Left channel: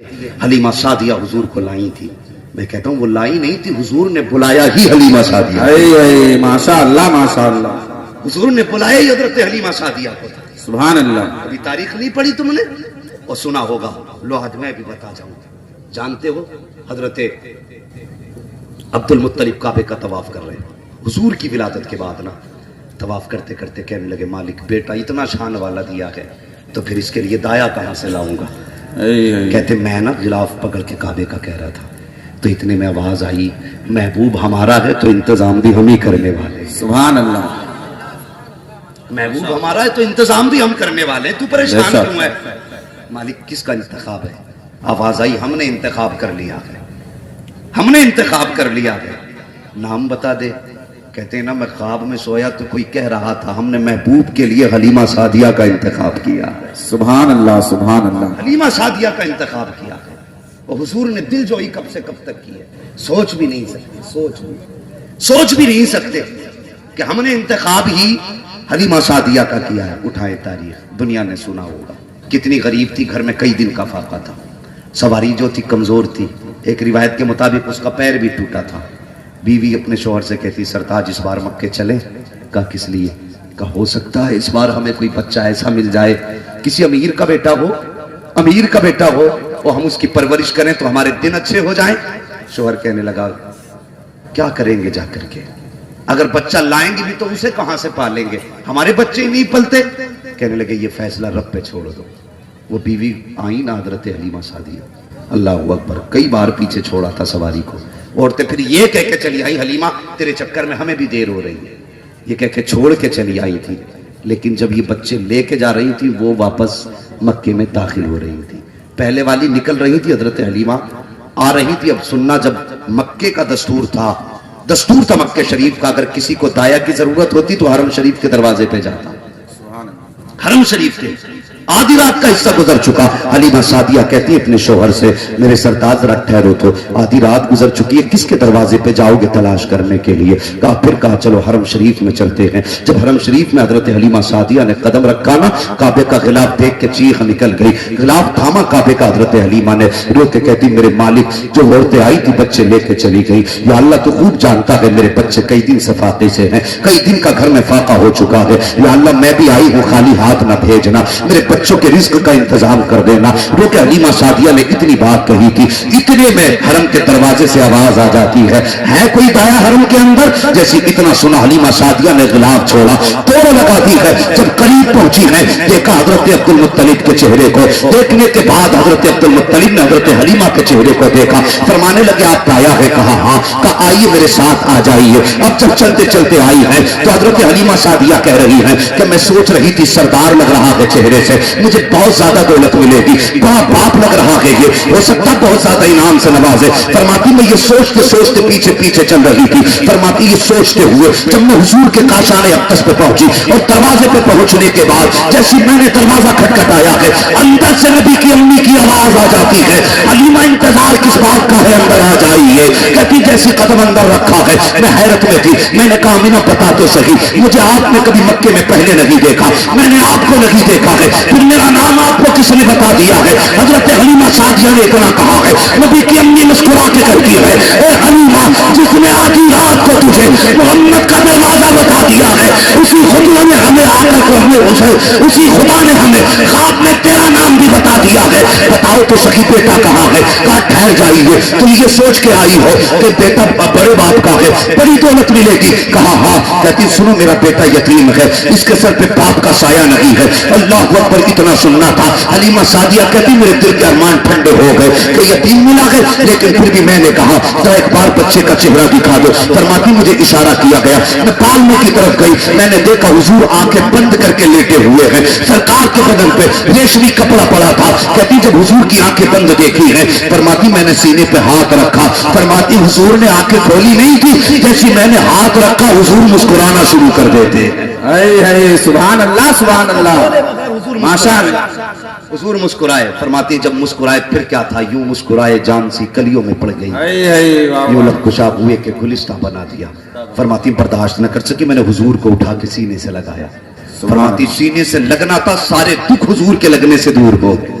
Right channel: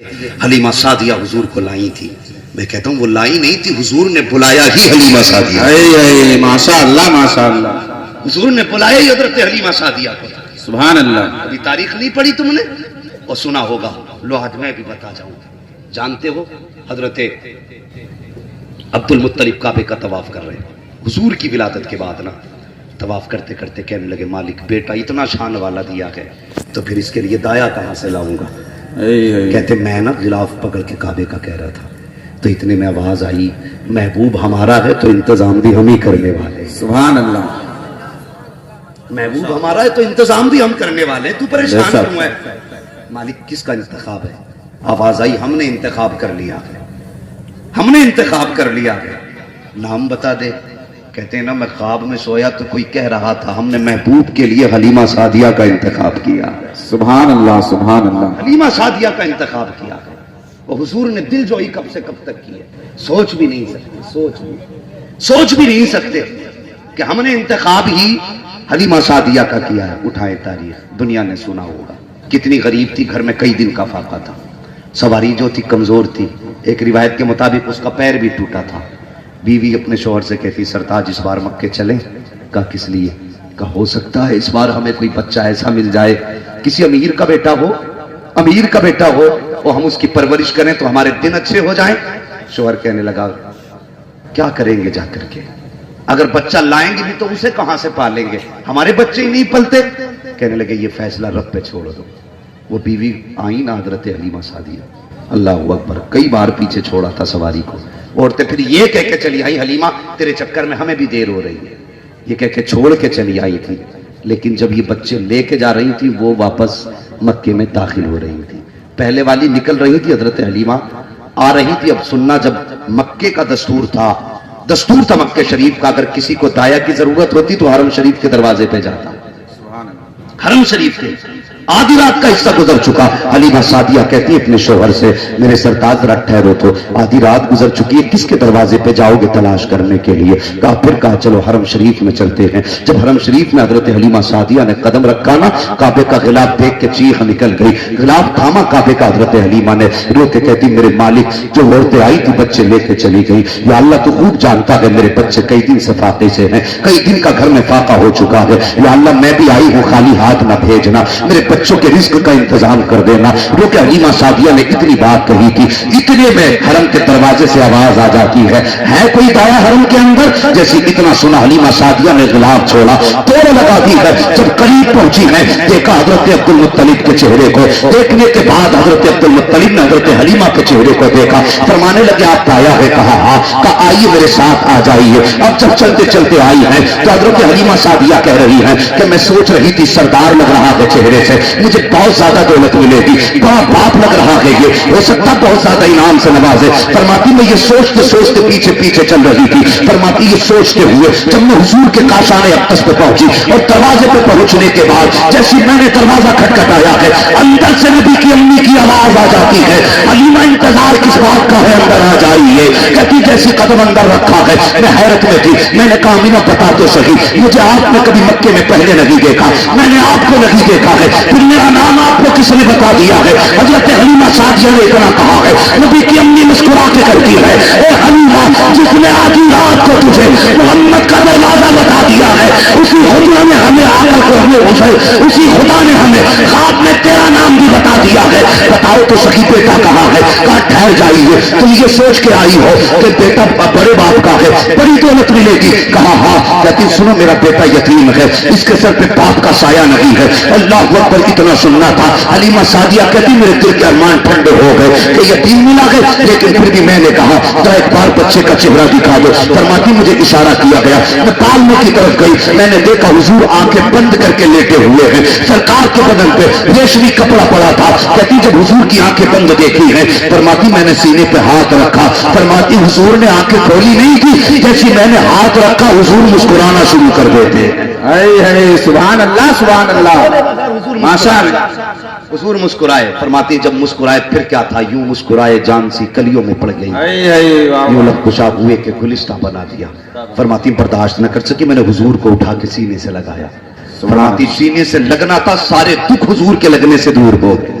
حلیمہ سعدیہ حضور کو لائی تھی. میں کہتا ہوں وہ لائی نہیں تھی، حضور نے بلایا ہی حلیمہ سعدیہ. ماشاء اللہ ماشاء اللہ. حضور نے بلایا ہی حضرت حلیمہ سعدیہ کو. سبحان اللہ. ابھی تاریخ نہیں پڑھی تم نے اور سنا ہوگا. لو آج میں بھی بتا جاؤں. جانتے ہو حضرت عبد المطلب کعبے کا طواف کر رہے ہیں حضور کی ولادت کے بعد نا. طواف کرتے کرتے کہنے لگے مالک بیٹا اتنا شان والا دیا ہے تو پھر اس کے لیے دایا کہاں سے لاؤں گا. کہتے میں نا غلاف پکڑ کے کعبے کا کہہ رہا تھا تو اتنے میں آواز آئی محبوب ہمارا ہے تو انتظام بھی ہم ہی کرنے والے. سبحان اللہ. محبوب ہمارا ہے تو انتظام بھی ہم کرنے والے. تو پریشان کیوں ہے؟ مالک کس کا انتخاب ہے؟ آواز آئی ہم نے انتخاب کر لیا ہے. ہم نے انتخاب کر لیا ہے. نام بتا دے. کہتے ہیں نا میں خواب میں سویا تو کوئی کہہ رہا تھا ہم نے محبوب کے لیے حلیمہ سعدیہ کا انتخاب کیا. سبحان اللہ سبحان اللہ. حلیمہ سعدیہ کا انتخاب کیا ہے. وہ حضور نے دل جوئی کب سے کب تک کی ہے. سوچ بھی نہیں سکتے کہ ہم نے انتخاب ہی حلیمہ سعدیہ کا کیا ہے. اٹھائے تاریخ دنیا نے سنا ہوگا. کتنی غریب تھی، گھر میں کئی دن کا فاقہ تھا. سواری جو تھی کمزور تھی. ایک روایت کے مطابق اس کا پیر بھی ٹوٹا تھا. بیوی اپنے شوہر سے کہتی سرتاج اس بار مکے چلیں. کہا کس لیے؟ کہا ہو سکتا ہے اس بار ہمیں کوئی بچہ ایسا مل جائے کسی امیر کا بیٹا ہو اور ہم اس کی پرورش کریں تو ہمارے دن اچھے ہو جائیں. شوہر کہنے لگا کیا کریں گے جا کر کے؟ اگر بچہ لائیں گے بھی تو اسے کہاں سے پالیں گے؟ ہمارے بچے ہی نہیں پلتے. کہنے لگے یہ فیصلہ رب پہ چھوڑ دو. وہ بیوی آئی نا حضرت حلیمہ سعدیہ. اللہ اکبر. کئی بار پیچھے چھوڑا تھا سواری کو. عورتیں پھر یہ کہہ کے چلی آئی حلیمہ تیرے چکر میں ہمیں بھی دیر ہو رہی ہے. یہ کہہ کے چھوڑ کے چلی آئی تھی. لیکن جب یہ بچے لے کے جا رہی تھی وہ واپس مکے میں داخل ہو رہی تھی. پہلے والی نکل رہی تھی حضرت حلیمہ آ رہی تھی. اب سننا جب مکے کا دستور تھا مکے شریف کا اگر کسی کو دایا کی ضرورت ہوتی تو حرم شریف کے دروازے پہ جاتا. حرم شریف کے آدھی رات کا حصہ گزر چکا. حلیمہ سعدیہ کہتی ہے اپنے شوہر سے میرے سرتاج ذرا ٹھہرو تو آدھی رات گزر چکی ہے کس کے دروازے پہ جاؤ گے تلاش کرنے کے لیے؟ کہا چلو حرم شریف میں چلتے ہیں. جب حرم شریف میں حضرت حلیمہ سعدیہ نے قدم رکھا نا کعبے کا غلاف دیکھ کے چیخ نکل گئی. غلاف تھاما کعبے کا. حضرت حلیمہ نے رو کے کہتی میرے مالک جو عورتیں آئی تھی بچے لے کے چلی گئی. یا اللہ تو خوب جانتا ہے میرے بچے کئی دن سے فاقے سے ہیں، کئی دن کا گھر میں فاقہ ہو چکا ہے. یا اللہ میں بھی آئی ہوں خالی ہاتھ نہ بھیجنا، میرے بچوں کے رزق کا انتظام کر دینا. جو کہ حلیمہ سعدیہ نے اتنی بات کہی تھی اتنے میں حرم کے دروازے سے آواز آ جاتی ہے کوئی دایا حرم کے اندر؟ جیسے اتنا سنا حلیمہ سعدیہ نے غلاف چھوڑا توڑ لگا دی ہے. جب قریب پہنچی ہے دیکھا حضرت عبد المطلب کے چہرے کو. دیکھنے کے بعد حضرت عبد المطلب نے حضرت حلیمہ کے چہرے کو دیکھا. فرمانے لگے آپ دایا ہے؟ کہا ہاں. کہا آئیے میرے ساتھ آ جائیے. اب جب چلتے چلتے آئی ہے تو حضرت حلیمہ سعدیہ کہہ رہی ہے کہ میں سوچ رہی تھی سردار لگ رہا ہے چہرے سے، مجھے بہت زیادہ دولت ملے گی، بڑا باپ لگ رہا ہے، یہ ہو سکتا بہت زیادہ انعام سے نوازے. فرماتی میں یہ سوچتے سوچتے پیچھے پیچھے چل رہی تھی. فرماتی یہ سوچتے ہوئے جب میں حضور کے کاشان اقدس پہ پہنچی اور دروازے پہ پہنچنے کے بعد جیسی میں نے دروازہ کھٹکھٹایا ہے اندر سے نبی کی امی کی آواز آ جاتی ہے حلیمہ انتظار کس بات کا ہے اندر آ جائیے. کہتی جیسی قدم اندر رکھا ہے میں حیرت میں تھی. میں نے کہا مینا بتا تو صحیح مجھے آپ نے کبھی مکے میں پہلے نہیں دیکھا، میں نے آپ کو نہیں دیکھا ہے، پھر میرا نام آپ کو کس نے بتا دیا ہے؟ حضرت حلیمہ سعدیہ نے اتنا کہا ہے. نبی کی امی مسکرا کے کرتی ہے اے حلیمہ جس نے آدھی رات کو تجھے محمد کا دروازہ بتا دیا ہے اسی خدا نے ہمیں آقا کو اسی خدا نے ہمیں خواب میں تیرا نام بھی بتا دیا ہے. بتاؤ تو صحیح بیٹا کہاں ہے؟ کہا ٹھہر جائیے تم یہ سوچ کے آئی ہو کہ بیٹا بڑے باپ کا ہے بڑی دولت ملے گی. کہا ہاں. کہتی سنو میرا بیٹا یتیم ہے، اس کے سر پہ باپ کا سایہ نہیں ہے. اللہ اکبر. اتنا سننا تھا. حلیمہ سعدیہ کہتی میرے دل کے ارمان ٹھنڈے ہو گئے کہ یتیم ملا ہے، لیکن پھر بھی میں نے کہا ذرا ایک بار بچے کا چہرہ دکھا دو. فرماتی مجھے اشارہ کیا گیا. میں پالنے کی طرف گئی. میں نے دیکھا حضور آنکھیں بند کر کے لیٹے ہوئے ہیں. سرکار کے بدن پہ ریشمی کپڑا پڑا تھا. کہتی جب حضور کی آنکھیں بند دیکھی ہیں فرماتی میں نے سینے پہ ہاتھ رکھا. فرماتی حضور نے آنکھیں کھولی نہیں تھی، جیسی میں نے ہاتھ رکھا حضور مسکرانا شروع کر دیتے. سبحان اللہ سبحان اللہ ماشاء اللہ. حضور مسکرائے. فرماتی جب مسکرائے پھر کیا تھا؟ یوں مسکرائے جان سی کلیوں میں پڑ گئی، یوں لب کشا ہوئے کہ گلستہ بنا دیا. فرماتی برداشت نہ کر سکی میں نے حضور کو اٹھا کے سینے سے لگایا. فرماتی سینے سے لگنا تھا سارے دکھ حضور کے لگنے سے دور ہو گئے.